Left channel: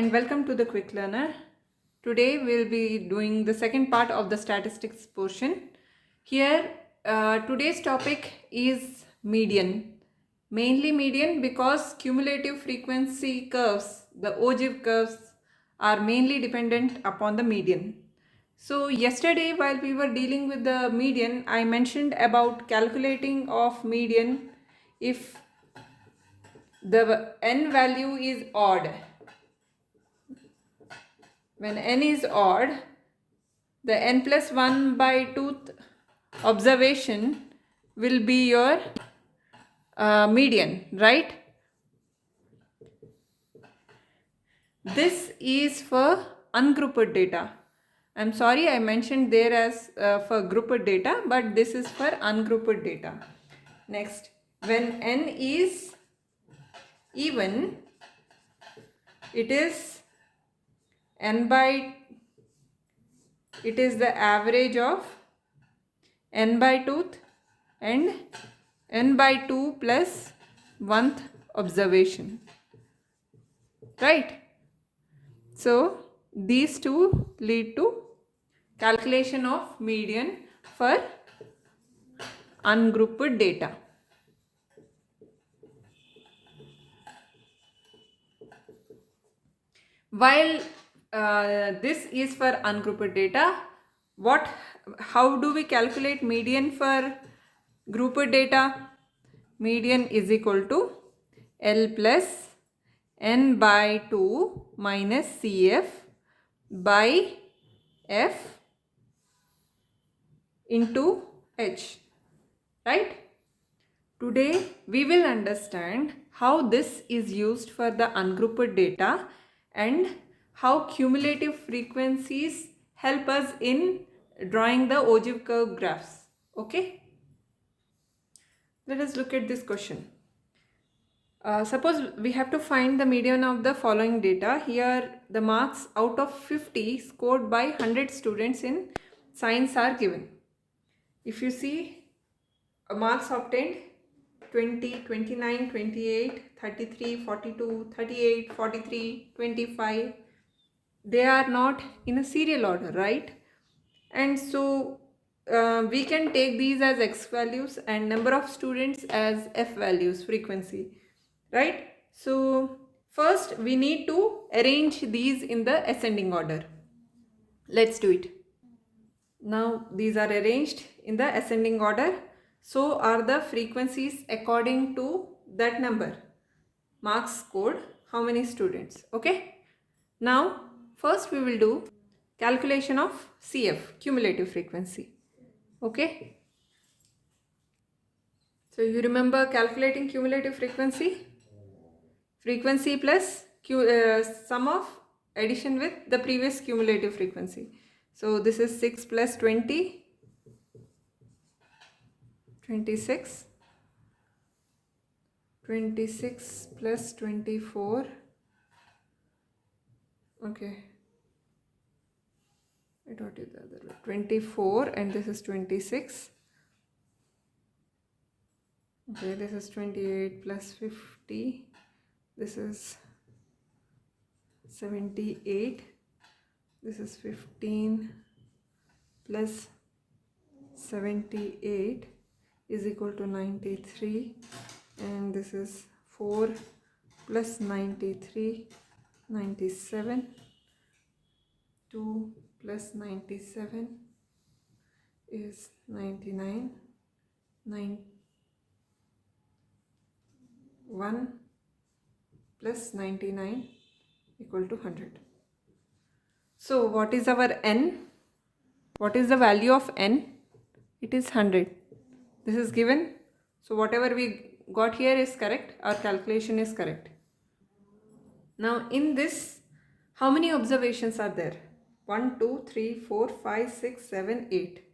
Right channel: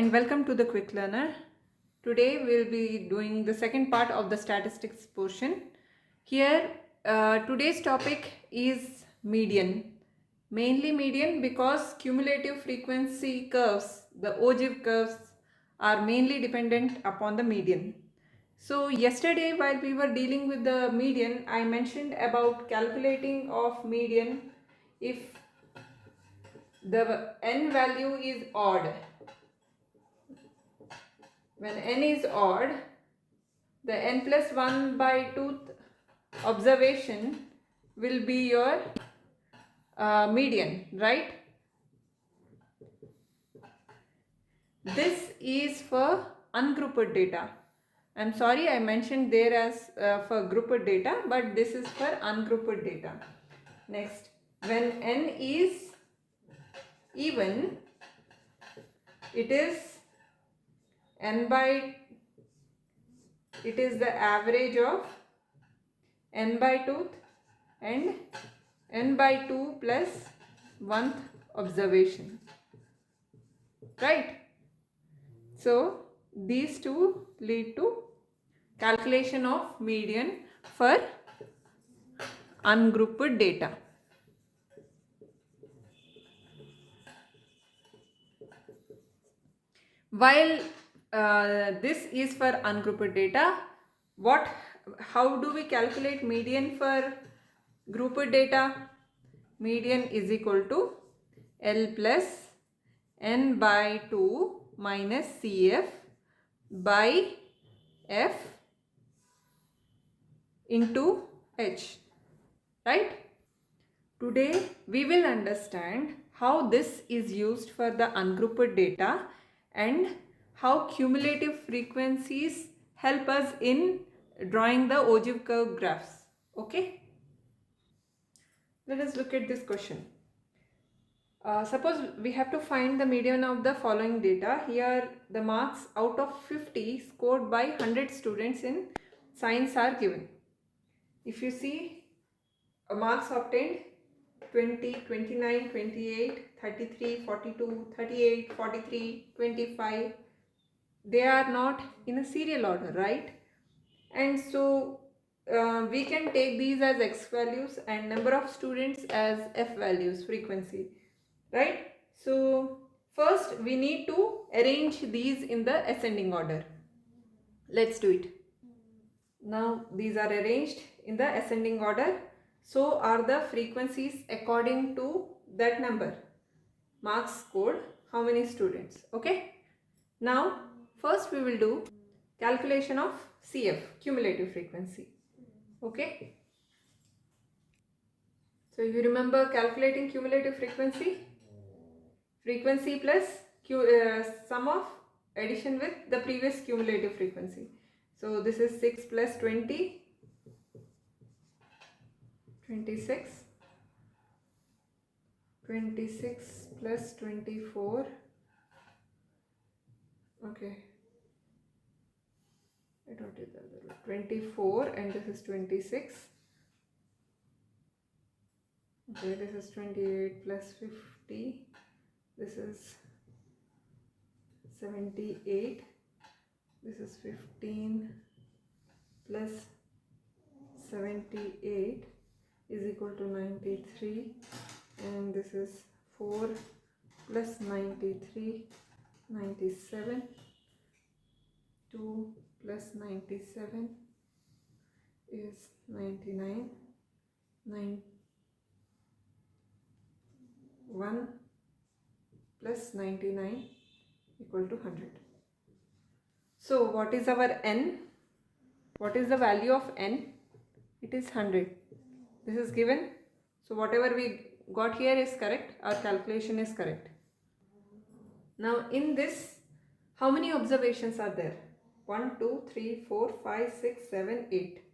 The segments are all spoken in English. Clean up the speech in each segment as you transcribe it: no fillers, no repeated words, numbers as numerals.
and welcome to the Quick Learner. Today we'll be doing the second part of the statistics portion. Here today's topic is median. Mainly median because cumulative frequency curves, the Ogives curves, are mainly dependent upon the median. So yesterday while we were dealing with the median, I mentioned about calculating of median if the n value is odd. When n is odd, the n plus 1 by 2th observation will be your median, right? This is for ungrouped data. I'm sorry I mentioned there as for grouped data, but this is for ungrouped data. Next, when n is even, it is the average of n by 2th and n by 2 plus 1th observation, right? So these two lead to calculation of median for ungrouped data. While this is for ungrouped data, how do we calculate median for grouped data? Median is equal to L plus n by 2 minus CF by F into H, right? Today we will understand how this is used for the ungrouped data and how cumulative frequencies help us in drawing the Ogive curve graphs. Okay? Let us look at this question. Suppose we have to find the median of the following data. Here the marks out of 50 scored by 100 students in science are given. If you see, marks obtained 20, 29, 28, 33, 42, 38, 43, 25. They are not in a serial order, right? And so we can take these as x values and number of students as f values, frequency, right? So first we need to arrange these in the ascending order. Let's do it. Now these are arranged in the ascending order. So are the frequencies according to that number. Marks scored, how many students, okay? Now first we will do calculation of CF, cumulative frequency, okay? So you remember calculating cumulative frequency? Frequency plus sum of addition with the previous cumulative frequency. So this is 6 plus 20, 26, 26 plus 24, okay, I got it the other way, 24, and this is 26, okay, this is 28 plus 50, this is 78, this is 15 plus 78 is equal to 93, and this is 4 plus 93, 97, 2 plus 97 is 99, 1 plus 99 equal to 100. So what is our n? What is the value of n? It is 100. This is given. So whatever we got here is correct. Our calculation is correct. Now in this, how many observations are there? 1, 2, 3, 4, 5, 6, 7, 8.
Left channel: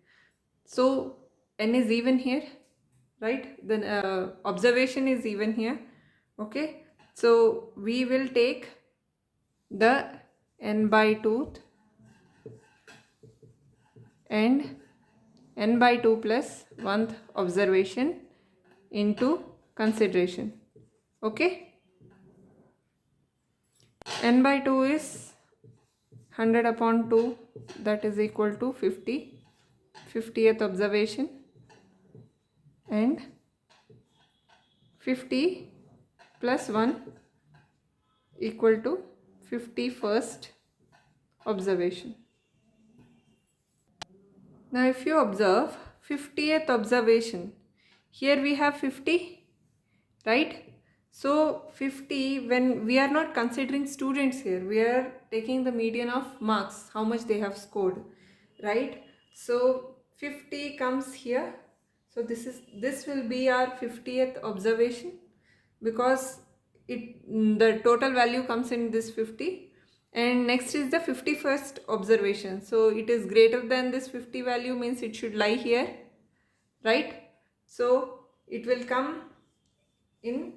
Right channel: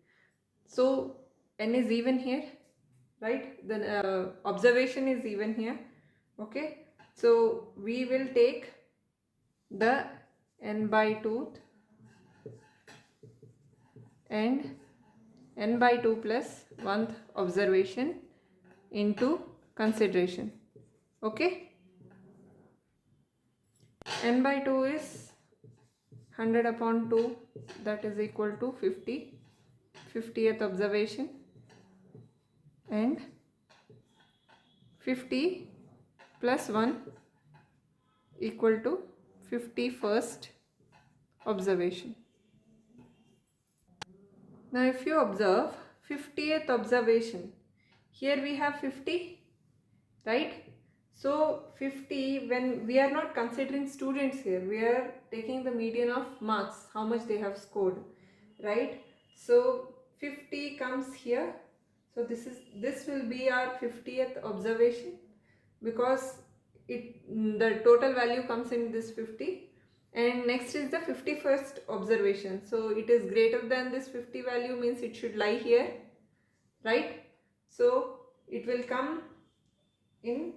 So n is even here, right? The observation is even here. Okay. So we will take the n by 2th and n by 2 plus 1th observation into consideration, okay? n by 2 is 100 upon 2, that is equal to 50. 50th observation, and 50 plus 1 equal to 51st observation. Now if you observe 50th observation, here we have 50, right? So 50, when we are not considering students here, we are taking the median of marks, how much they have scored, right? So 50 comes here. So this will be our 50th observation, because the total value comes in this 50. And next is the 51st observation, so it is greater than this 50 value, means it should lie here, right? So it will come in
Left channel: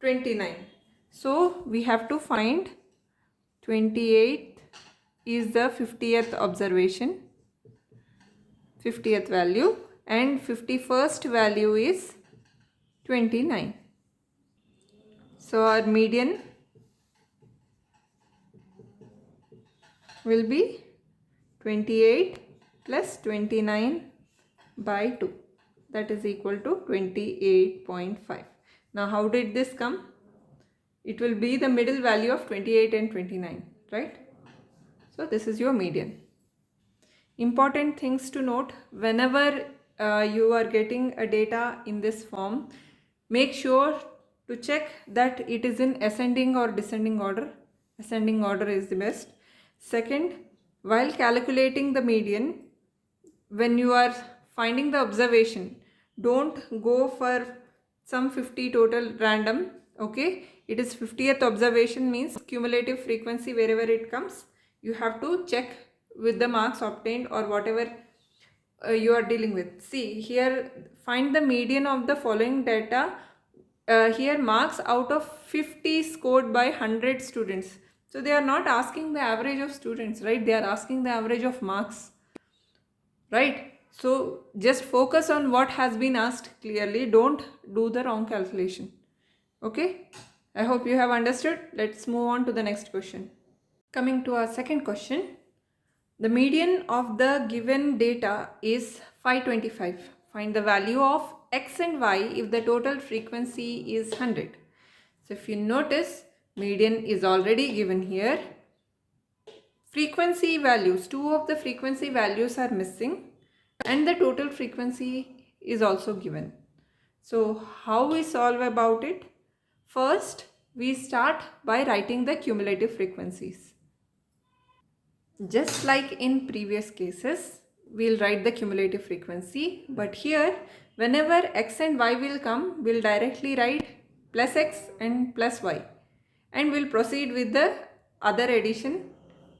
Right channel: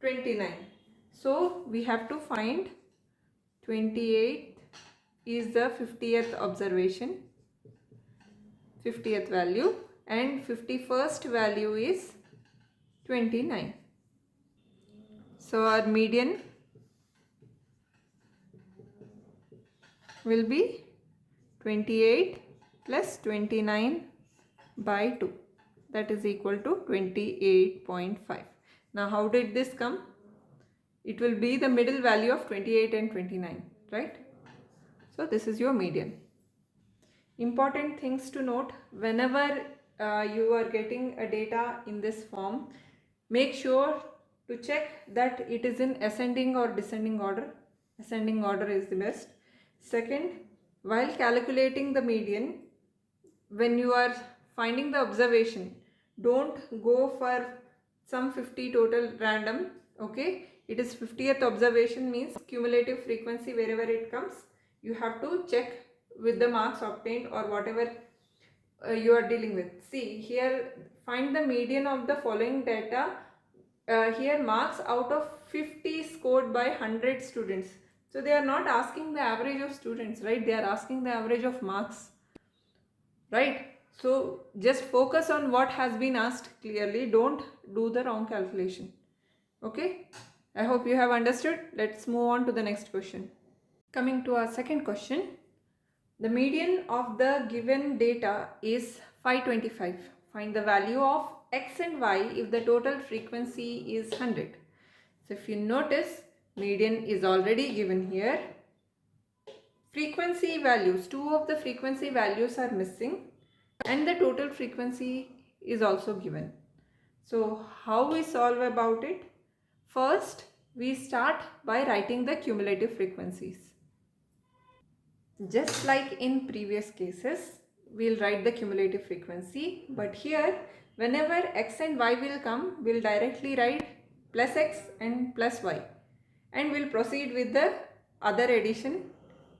29. So we have to find 28 is the 50th observation, 50th value, and 51st value is 29. So our median will be 28 plus 29 by 2, that is equal to 28.5. Now how did this come? It will be the middle value of 28 and 29, right? So this is your median. Important things to note: whenever you are getting a data in this form, make sure to check that it is in ascending or descending order. Ascending order is the best. Second, while calculating the median, when you are finding the observation, don't go for some 50 total random, okay? It is 50th observation, means cumulative frequency wherever it comes, you have to check with the marks obtained or whatever you are dealing with. See here, find the median of the following data. Here marks out of 50 scored by 100 students. So they are not asking the average of students, right? They are asking the average of marks, right? So just focus on what has been asked clearly. Don't do the wrong calculation. Okay, I hope you have understood. Let's move on to the next question. Coming to our second question, the median of the given data is 525. Find the value of x and y if the total frequency is 100. So if you notice, median is already given here. Frequency values, two of the frequency values are missing, and the total frequency is also given. So how we solve about it? First, we start by writing the cumulative frequencies. Just like in previous cases, we'll write the cumulative frequency, but here whenever x and y will come, we'll directly write plus x and plus y, and we'll proceed with the other addition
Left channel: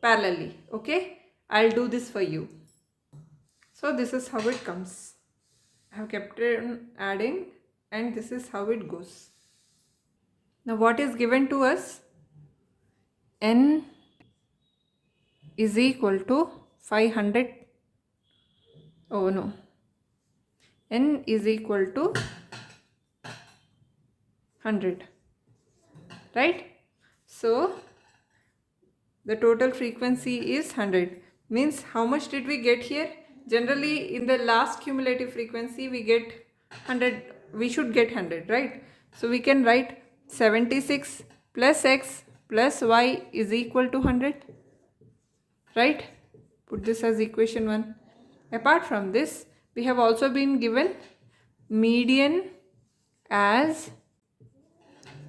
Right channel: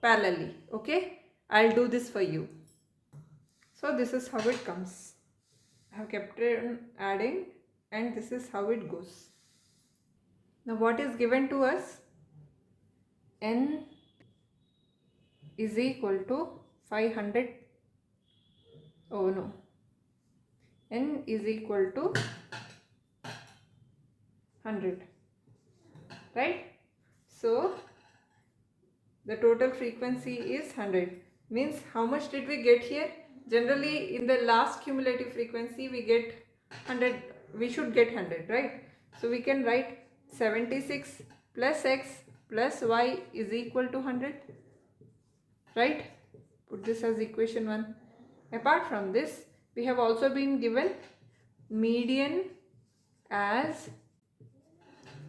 parallelly. Okay, I'll do this for you. So this is how it comes. I have kept on adding, and this is how it goes. Now what is given to us? N is equal to 500. Oh no, N is equal to 100, right? So the total frequency is 100, means how much did we get here? Generally in the last cumulative frequency we get 100, we should get 100, right? So we can write 76 plus x plus y is equal to 100, right? Put this as equation 1. Apart from this, we have also been given median as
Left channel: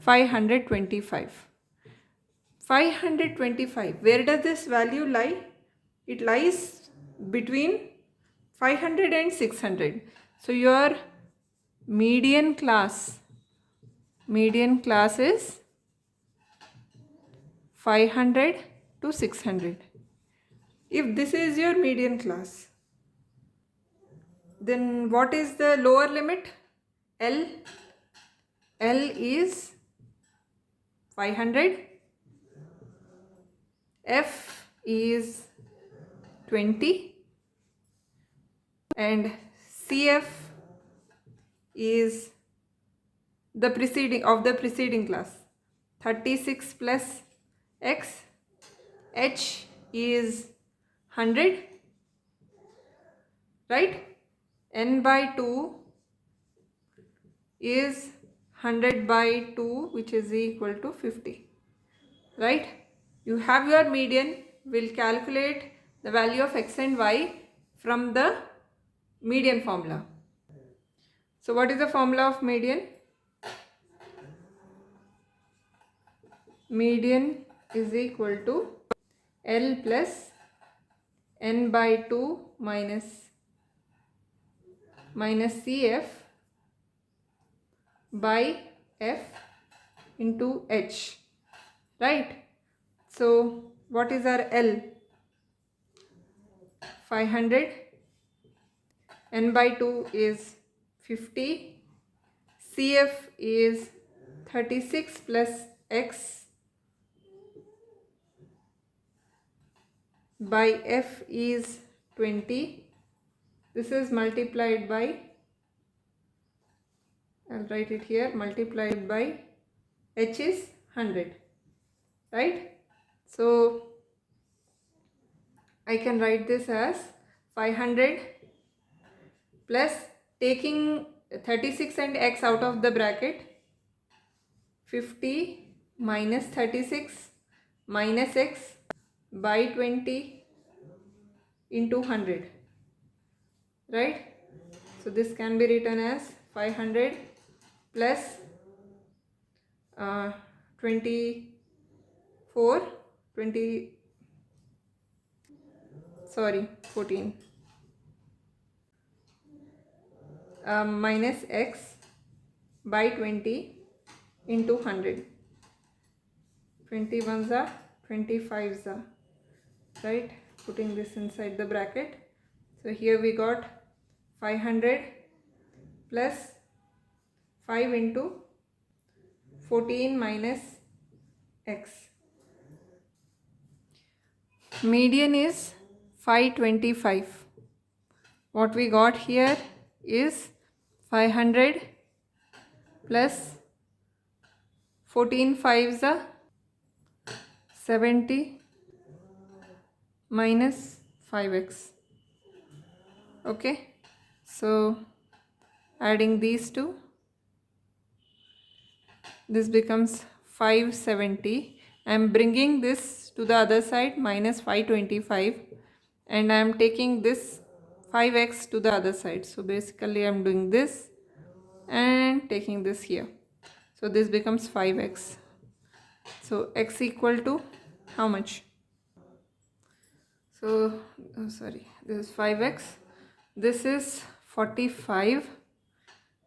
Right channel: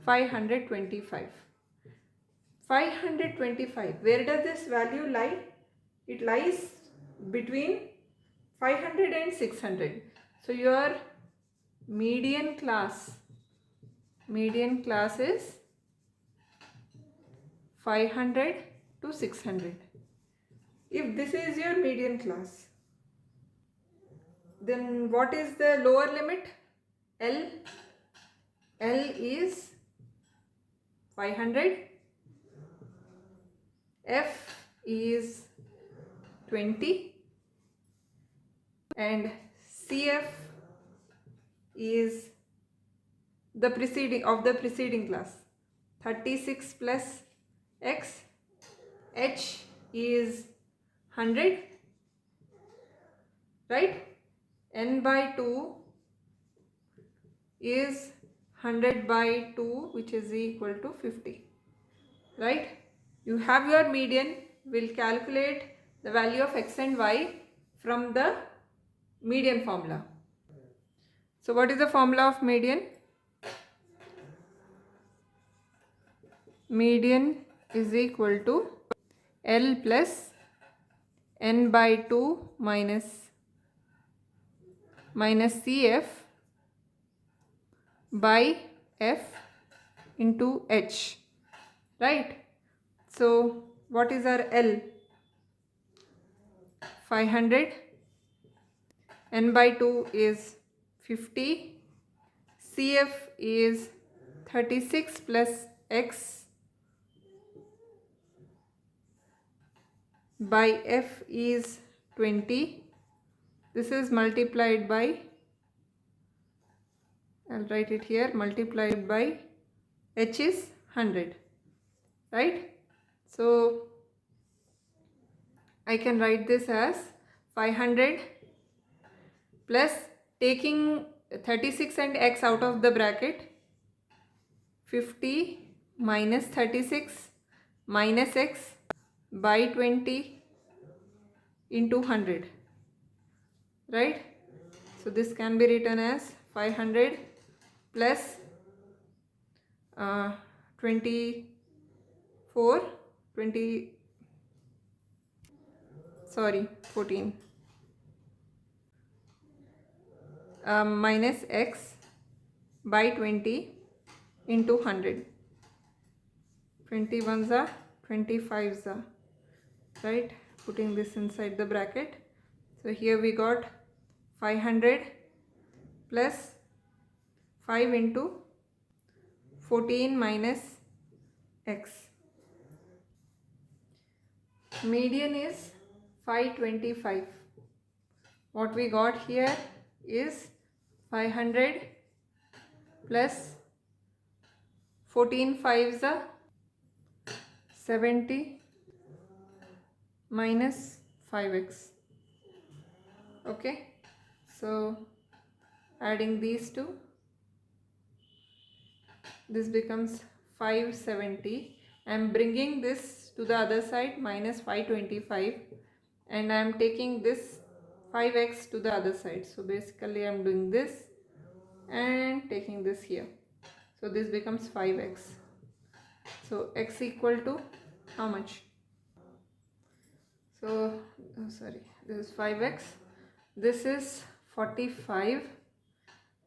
525. 525, where does this value lie? It lies between 500 and 600. So your median class is 500 to 600. If this is your median class, then what is the lower limit? L is 500, F is 20, and CF is the preceding class, 36 plus x, h is 100, right? n by 2 is 100 by 2, which is equal to 50, right? You have your median. We'll calculate the value of x and y from the median formula. So what is the formula of median? Median is equal to L plus n by 2 minus CF by F into H, right? So what is our L? 500, n by 2 is 50, CF is 36 plus x by F is 20. This is multiplied by, I'll write it here, multiplied by H is 100, right? So I can write this as 500 plus, taking 36 and x out of the bracket, 50 minus 36 minus x by 20 into 100, right? So this can be written as 500 plus 14 minus x by 20 into 100. 21s are 25s are, right? Putting this inside the bracket. So here we got 500 plus 5 into 14 minus x. Median is 525. What we got here is 500 plus 14 5s are 70 minus 5x. Okay, so adding these two, this becomes 570. I am bringing this to the other side, minus 525, and I am taking this 5x to the other side. So basically I am doing this and taking this here. So this becomes 5x. So x equal to how much? So sorry, this is 5x, this is 45,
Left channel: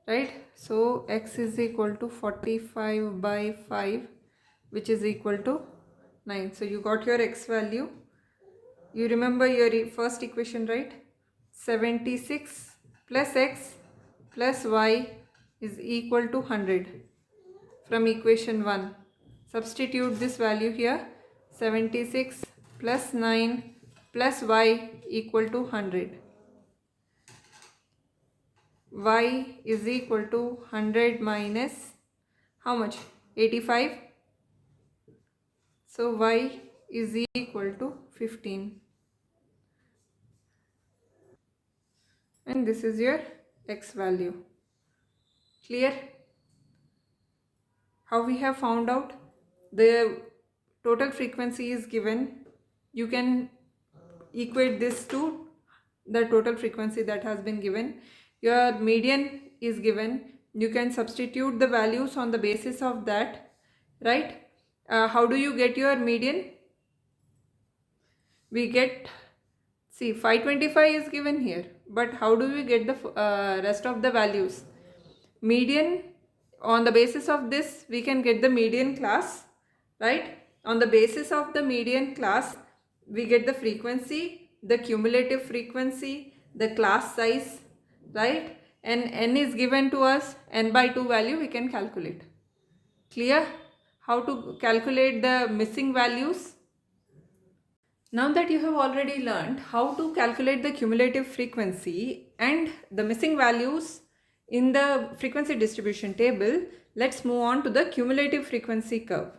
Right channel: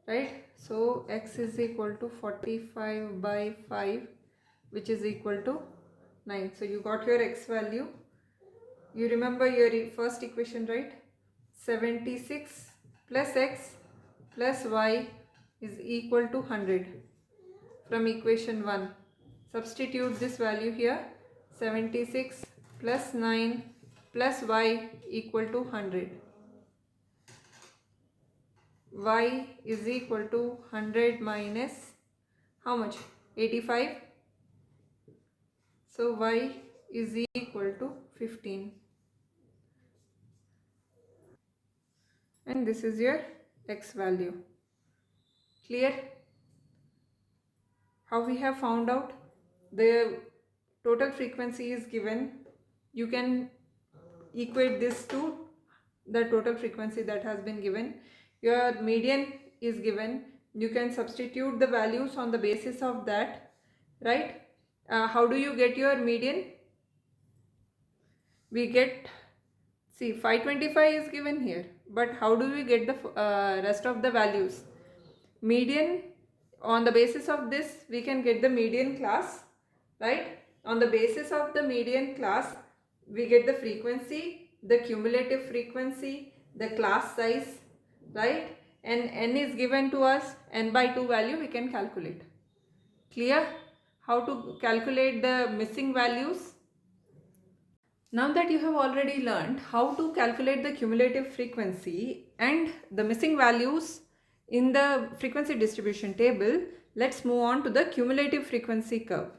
right? So x is equal to 45 by 5, which is equal to 9. So you got your x value. You remember your first equation, right? 76 plus x plus y is equal to 100 from equation 1. Substitute this value here. 76 plus 9 plus y equal to 100. Y is equal to 100 minus how much? 85. So y is equal to 15. And this is your x value. Clear? How we have found out? The total frequency is given. You can equate this to the total frequency that has been given. Your median is given. You can substitute the values on the basis of that, right? How do you get your median? We get, see, 525 is given here, but how do we get the rest of the values? Median, on the basis of this we can get the median class, right? On the basis of the median class we get the frequency, the cumulative frequency, the class size, right? And n is given to us, n by 2 value we can calculate. Clear? How to calculate the missing values? Now that you have already learned how to calculate the cumulative frequency and the missing values in the frequency distribution table, let's move on to the cumulative frequency curve.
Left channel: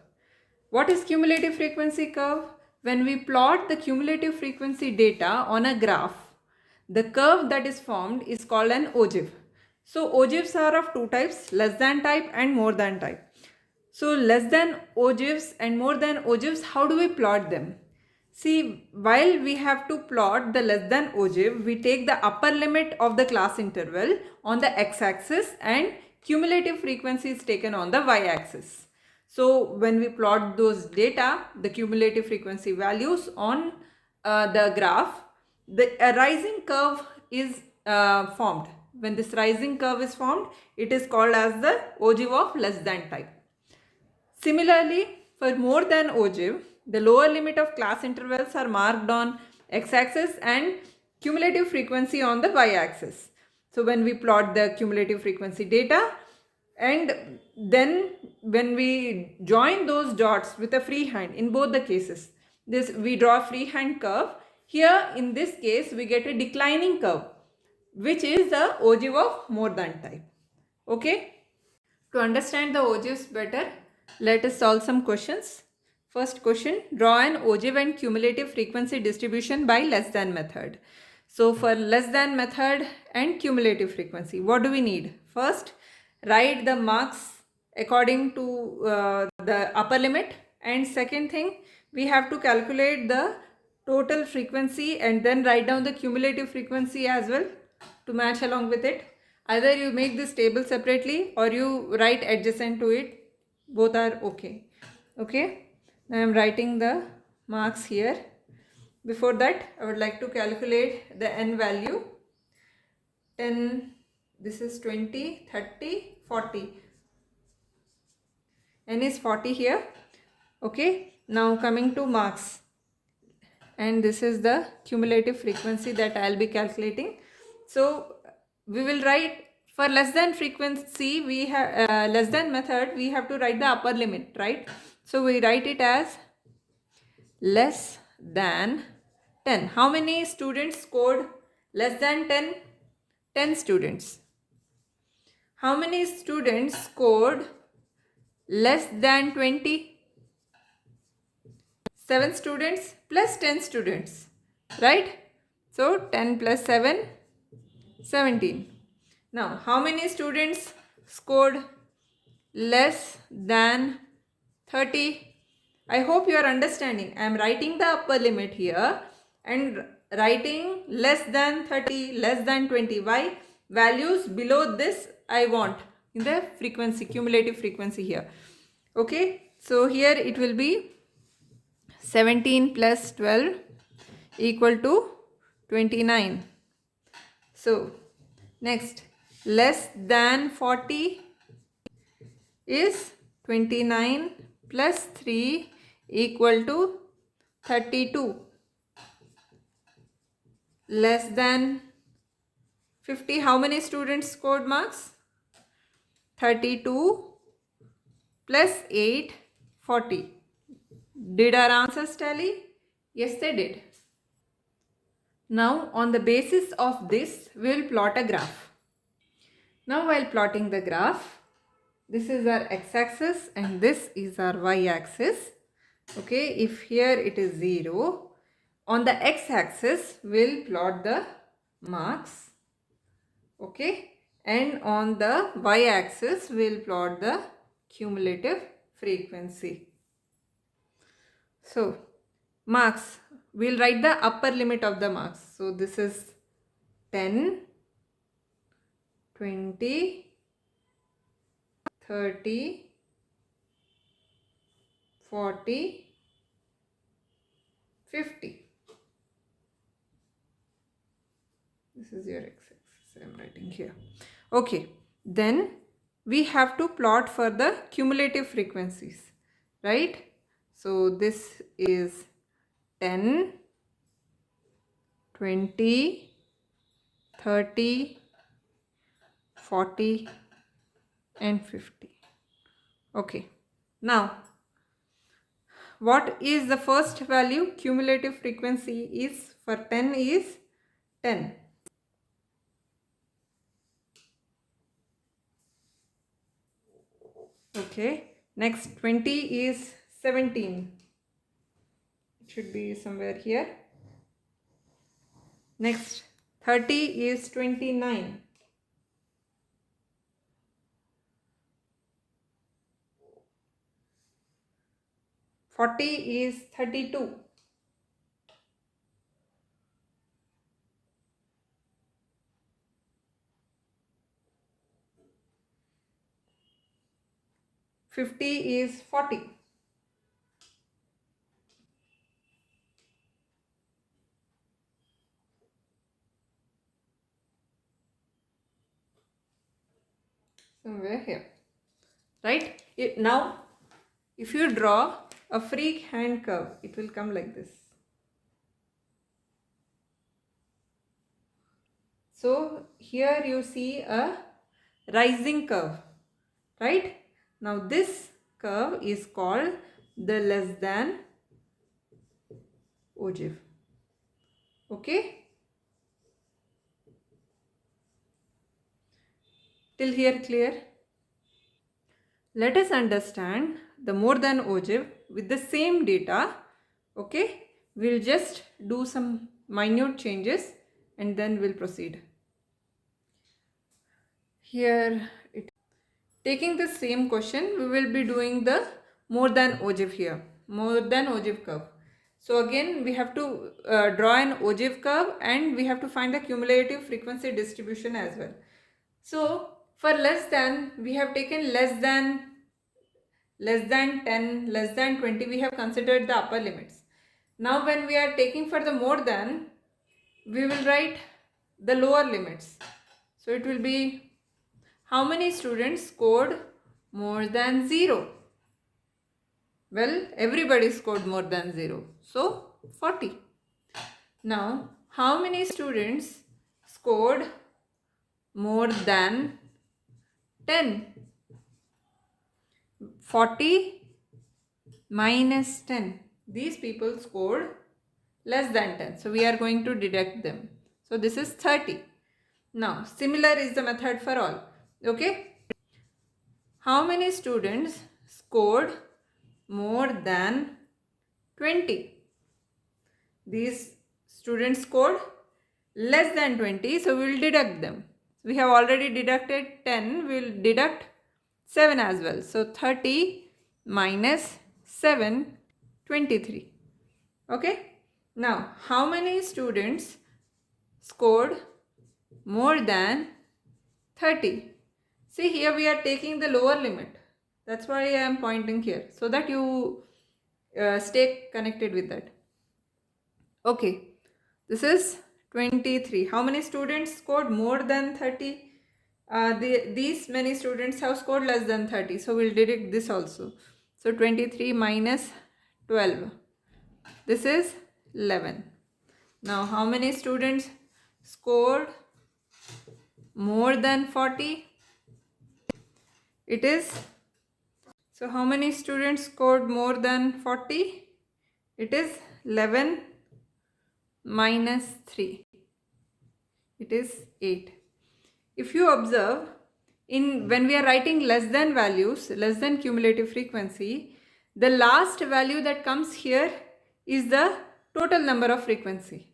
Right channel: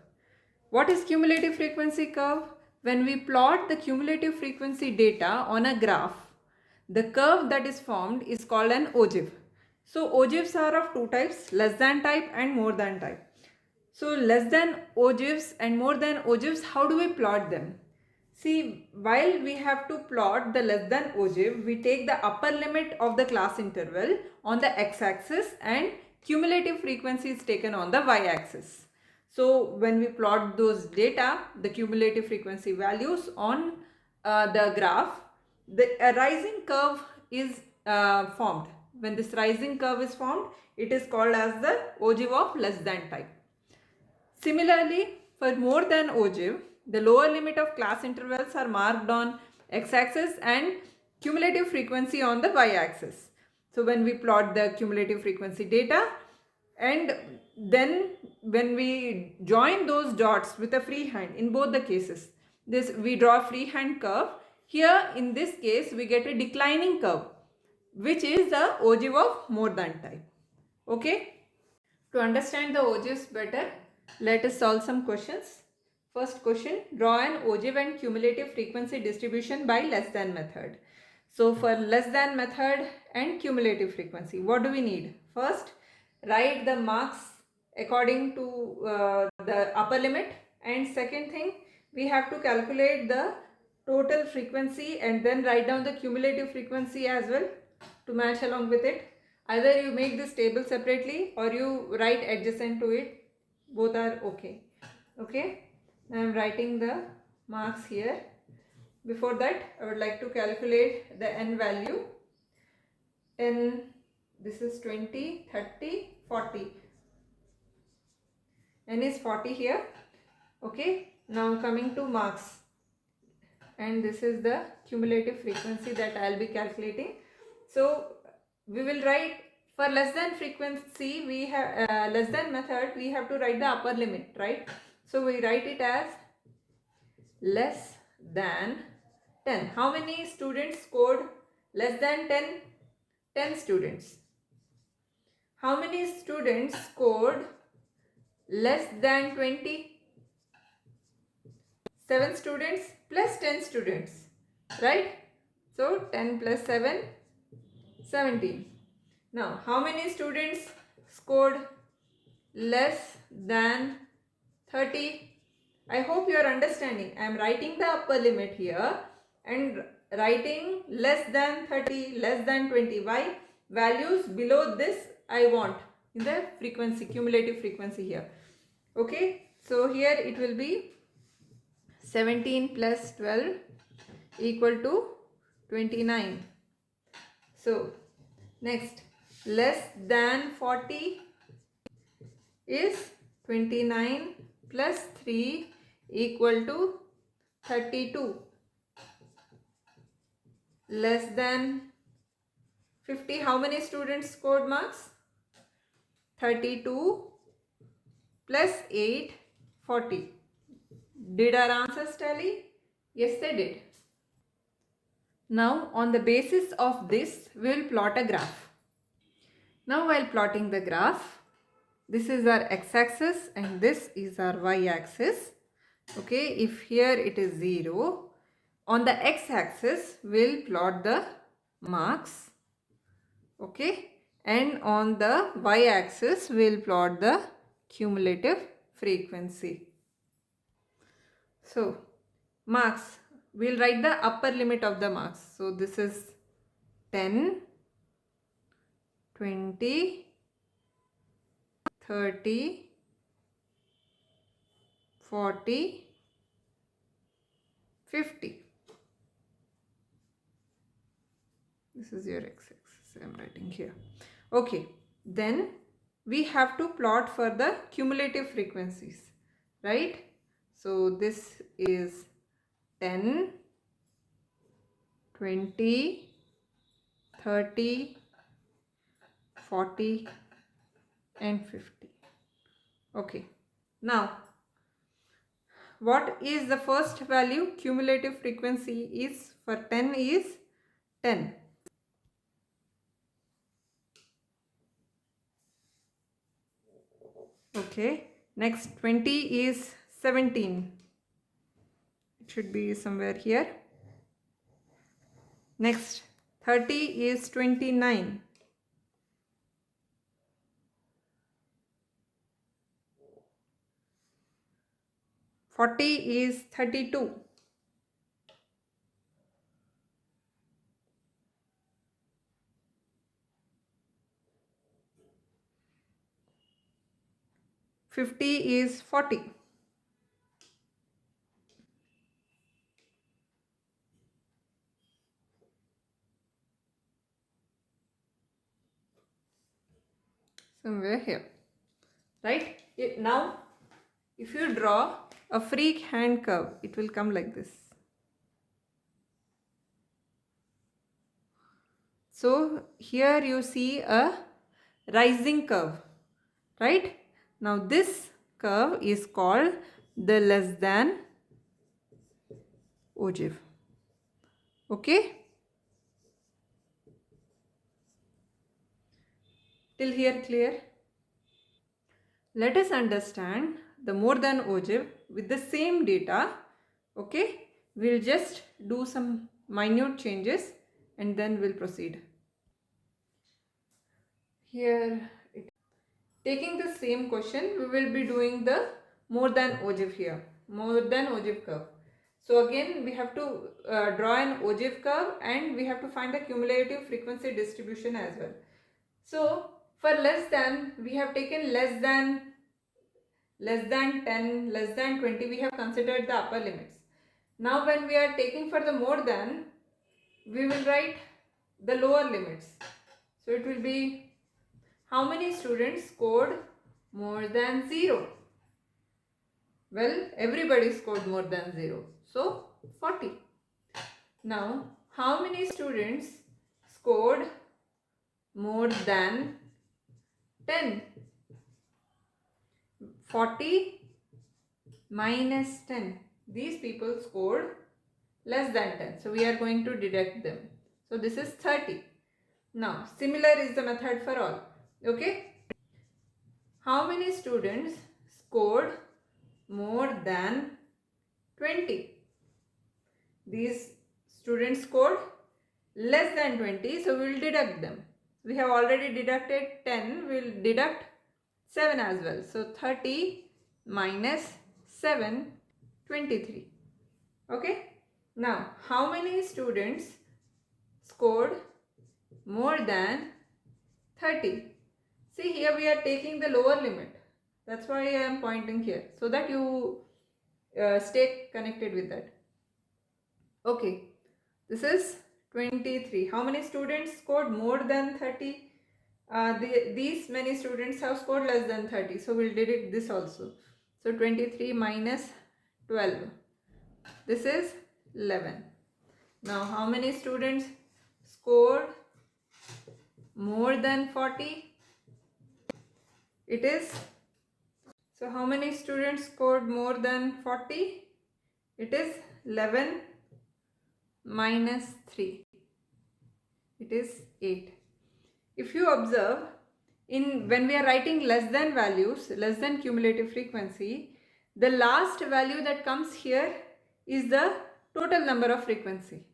What is cumulative frequency curve? When we plot the cumulative frequency data on a graph, the curve that is formed is called an ogive. So ogives are of two types, less than type and more than type. So less than ogives and more than ogives, how do we plot them? See, while we have to plot the less than ogive, we take the upper limit of the class interval on the x-axis and cumulative frequency is taken on the y-axis. So when we plot those data, the cumulative frequency values on the graph, the rising curve is formed. When this rising curve is formed, it is called as the ogive of less than type. Similarly, for more than ogive, the lower limit of class intervals are marked on x-axis and cumulative frequency on the y-axis. So when we plot the cumulative frequency data, and then when we join those dots with a freehand in both the cases, this we draw a freehand curve. Here in this case we get a declining curve, which is the ogive of more than type. Okay. To understand the ogives better, let us solve some questions. First question, draw an ogive and cumulative frequency distribution by less than method. So for less than method and cumulative frequency, what do we need? First, write the marks according to the upper limit, and second thing, we have to calculate the total frequency and then write down the cumulative frequency as well to match along with it. Either you make this table separately or you write adjacent to it. Both are okay. Okay. Now I am writing the marks here. Before that, I would like to calculate the n value. 10, this is 20, 30, 40. N is 40 here. Okay. Now coming to marks. And this is the cumulative frequency that I will be calculating. So we will write for less than frequency, we have less than method, we have to write the upper limit, right? So we write it as less than 10. How many students scored less than 10? 10 students. How many students scored less than 20? 7 students plus 10 students, right? So 10 plus 7, 17. Now, how many students scored less than 30? I hope you are understanding. I am writing the upper limit here and writing less than 30, less than 20. Why? Values below this I want in the frequency, cumulative frequency here. Okay. So here it will be 17 plus 12 equal to 29. So next, less than 40 is 29 plus 3 equal to 32. Less than 50, how many students scored marks? 32 plus 8, 40. Did our answers tally? Yes, they did. Now, on the basis of this, we will plot a graph. Now, while plotting the graph, this is our x-axis and this is our y-axis. Okay, if here it is 0, on the x-axis, we'll plot the marks. Okay, and on the y-axis, we'll plot the cumulative frequency. So, marks, we'll write the upper limit of the marks. So, this is 10, 20, 30, 40, 50. This is your x-axis I am writing here. Okay, then we have to plot for the cumulative frequencies, right? So this is 10, 20, 30, 40 and 50. Okay, now what is the first value? Cumulative frequency is for 10 is 10. Okay, next 20 is 17. It should be somewhere here. Next, 30 is 29. 40 is 32. 50 is 40. 'Somewhere here, right? Now, if you draw a free hand curve, it will come like this. So here you see a rising curve, right? Now this curve is called the less than ogive. Okay? Till here clear? Let us understand the more than ogive with the same data. Okay? We'll just do some minute changes and then we'll proceed. Here, taking the same question, we will be doing the more than ogive here, more than ogive curve. So again, we have to draw an ogive curve and we have to find the cumulative frequency distribution as well. So for less than, we have taken less than 10, less than 20, we have considered the upper limits. Now when we are taking for the more than, we will write the lower limits. So it will be how many students scored more than 0? Well, everybody scored more than 0. So 40. Now, how many students scored more than 10? 40 minus 10. These people scored less than 10. So we are going to deduct them. So this is 30. Now, similar is the method for all. Okay. How many students scored more than 20? These students scored less than 20, so we will deduct them. We have already deducted 10, we will deduct 7 as well. So 30 minus 7, 23. Okay. Now, how many students scored more than 30? See, here we are taking the lower limit. That's why I am pointing here, so that you stay connected with that. Okay, this is 23. How many students scored more than 30? These many students have scored less than 30. So we'll deduct this also. So 23 minus 12. This is 11. Now how many students scored more than 40? It is, so how many students scored more than 40? It is 11 minus 3. It is 8. If you observe, when we are writing less than values, less than cumulative frequency, the last value that comes here is the total number of frequency.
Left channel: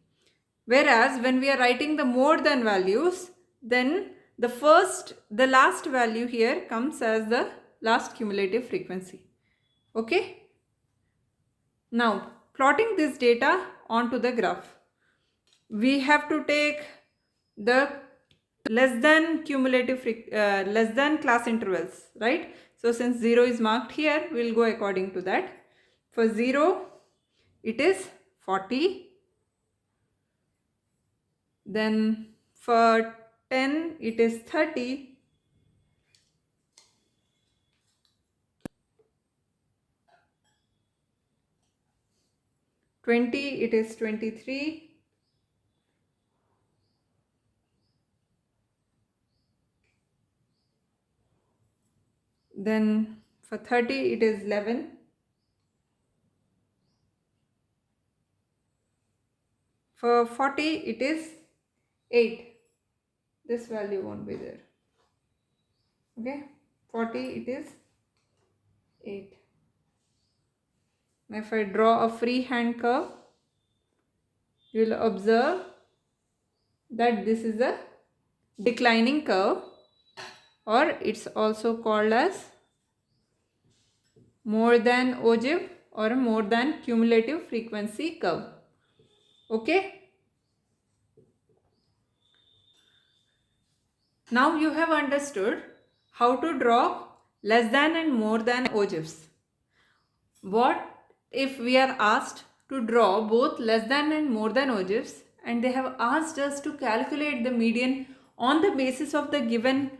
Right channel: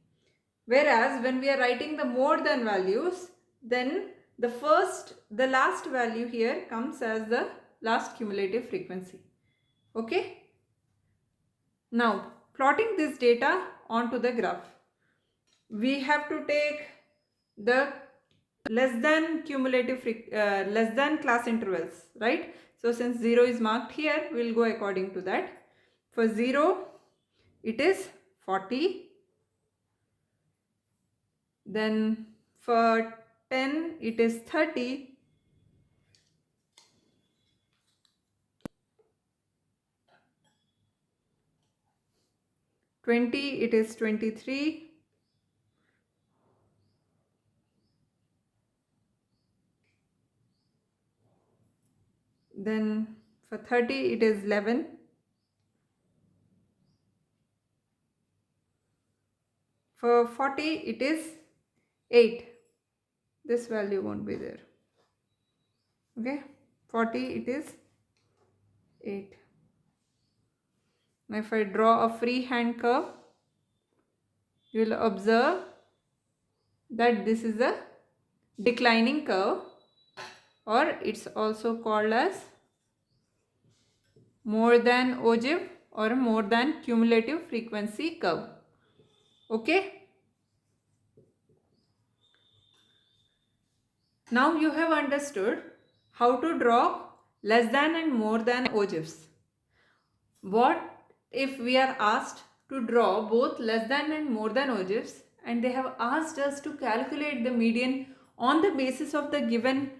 Whereas when we are writing the more than values, then the last value here comes as the last cumulative frequency. Okay? Now, plotting this data onto the graph, we have to take the less than less than class intervals, right? So since 0 is marked here, we will go according to that. For 0, it is 40. Then for 10, it is 30. 20, it is 23. Then for 30, it is 11. For 40, it is 8. This value won't be there. Okay, 40, it is 8. if I draw a freehand curve, you will observe that this is a declining curve, or it's also called as more than ogive or more than cumulative frequency curve. Okay. Now you have understood how to draw less than and more than ogives. What if we are asked to draw both less than and more than ogives, and they have asked us to calculate the median on the basis of the given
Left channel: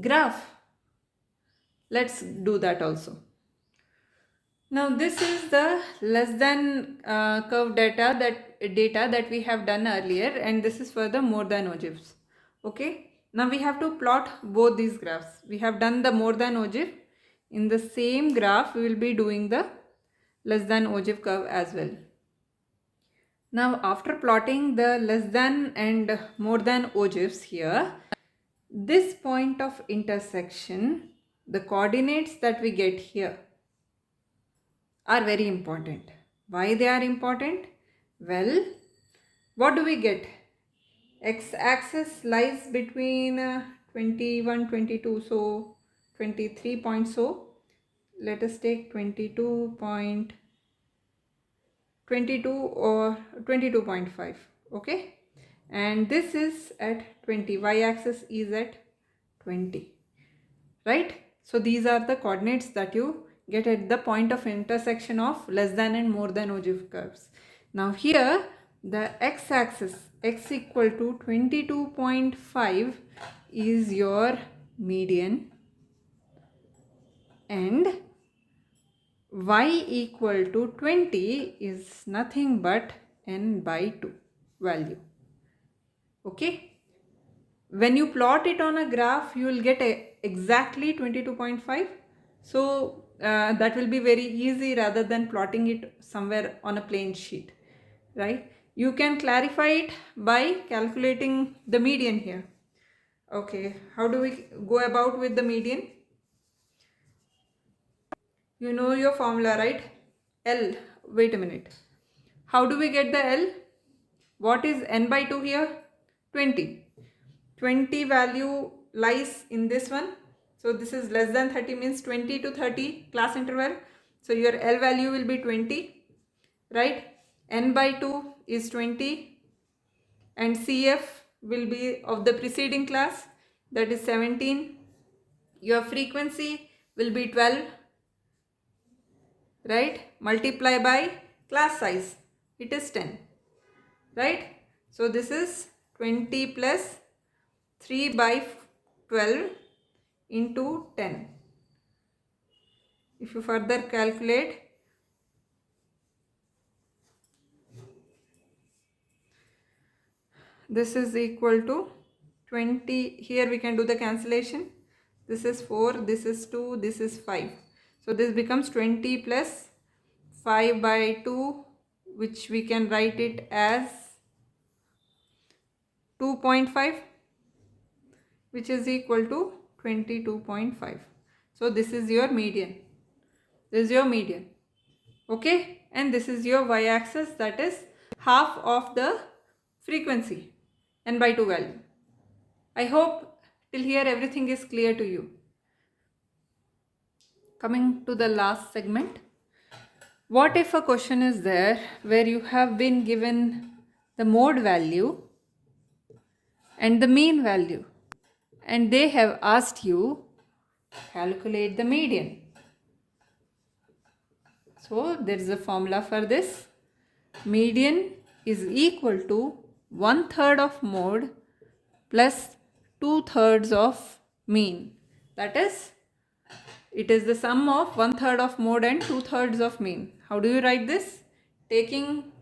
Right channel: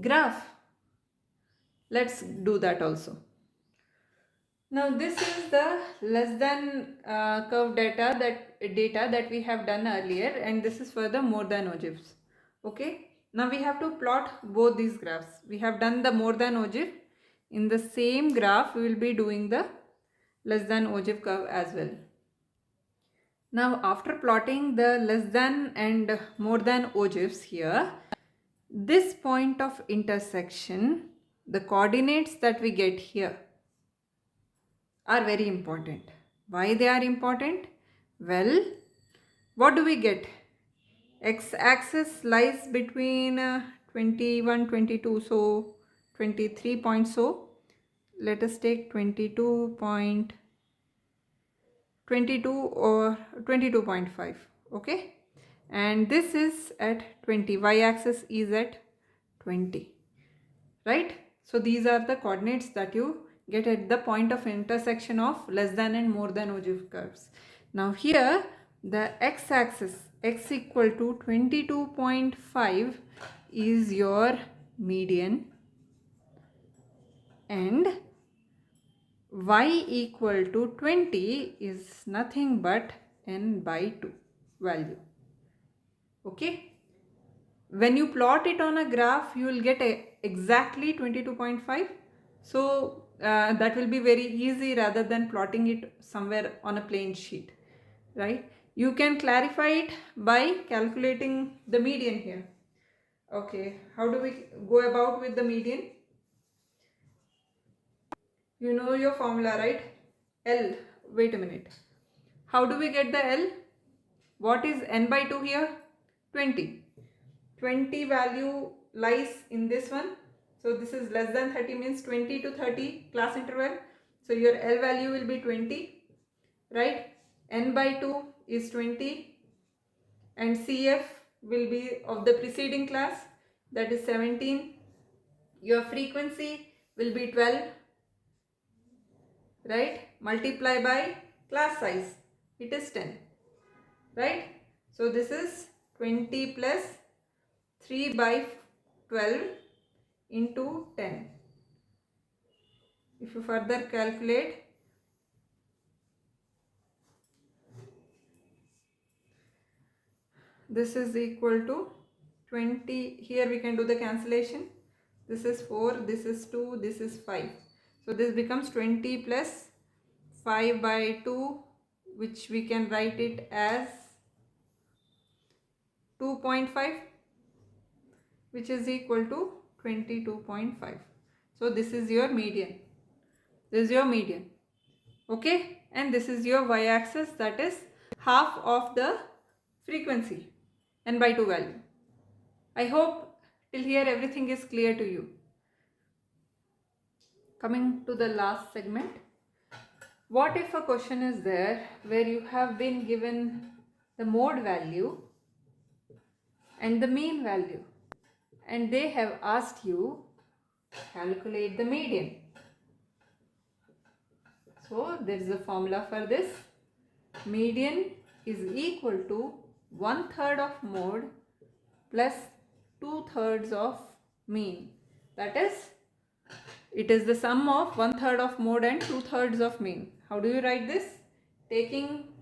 graph? Let's do that also. Now this is the less than curve data that we have done earlier, and this is for the more than ogives. Okay. Now we have to plot both these graphs. We have done the more than ogive. In the same graph, we will be doing the less than ogive curve as well. Now after plotting the less than and more than ogives here, this point of intersection, the coordinates that we get here are very important. Why they are important? Well, what do we get? X-axis lies between 21, 22, so 23 points. So let us take 22 or 22.5. Okay, and this is at 20. Y-axis is at 20, right? So these are the coordinates that you get at the point of intersection of less than and more than ogive curves. Now here the x-axis, x equal to 22.5 is your median, and y equal to 20 is nothing but n by 2 value. Okay. When you plot it on a graph, you will get exactly 22.5. So that will be very easy rather than plotting it somewhere on a plain sheet, right? You can clarify it by calculating the median here. Okay, how do we go about with the median? You know your formula, right? L. Wait a minute. How do we get the L? What is n by 2 here? 20. 20 value lies in this one. So this is less than 30, means 20 to 30 class interval. So your L value will be 20, right? N by 2 is 20, and CF will be of the preceding class, that is 17. Your frequency will be 12, right? Multiply by class size, it is 10, right? So this is 20 plus 3 by 12 into 10. If you further calculate, this is equal to 20. Here we can do the cancellation. This is 4, this is 2, this is 5. So this becomes 20 plus 5 by 2, which we can write it as 2.5, which is equal to 22.5. So this is your median. This is your median. Okay, and this is your y-axis, that is half of the frequency, n by 2 value. I hope till here everything is clear to you. Coming to the last segment. What if a question is there where you have been given the mode value and the mean value, and they have asked you calculate the median? So there is a formula for this. Median is equal to 1/3 of mode plus 2/3 of mean. That is, it is the sum of 1/3 of mode and 2/3 of mean. How do you write this? Taking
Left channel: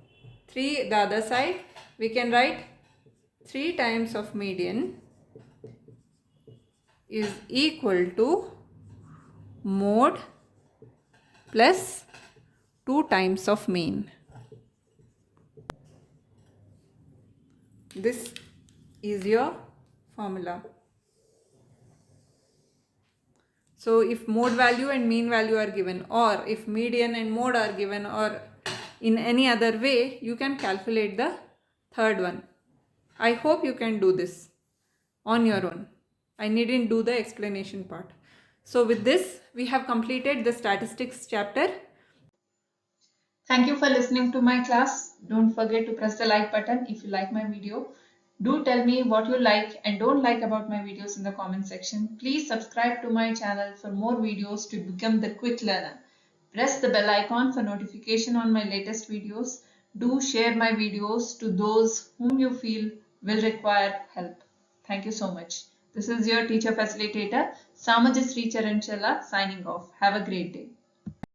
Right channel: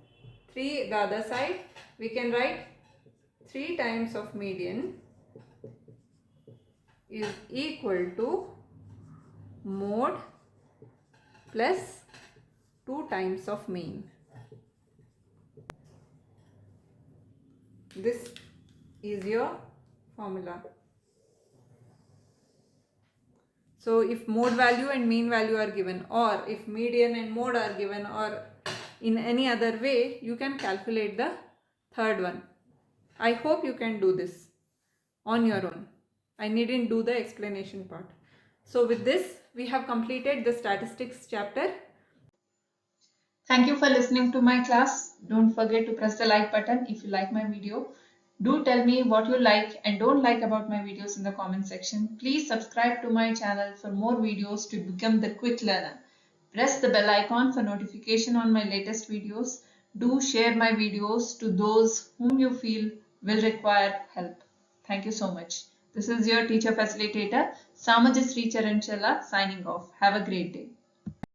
3 the other side, we can write 3 times of median is equal to mode plus 2 times of mean. This is your formula. So if mode value and mean value are given, or if median and mode are given, or in any other way, you can calculate the third one. I hope you can do this on your own. I needn't do the explanation part. So with this, we have completed the statistics chapter. Thank you for listening to my class. Don't forget to press the like button if you like my video. Do tell me what you like and don't like about my videos in the comment section. Please subscribe to my channel for more videos to become the quick learner. Press the bell icon for notification on my latest videos. Do share my videos to those whom you feel will require help. Thank you so much. This is your teacher facilitator, Samajasri Charanchalla, signing off. Have a great day.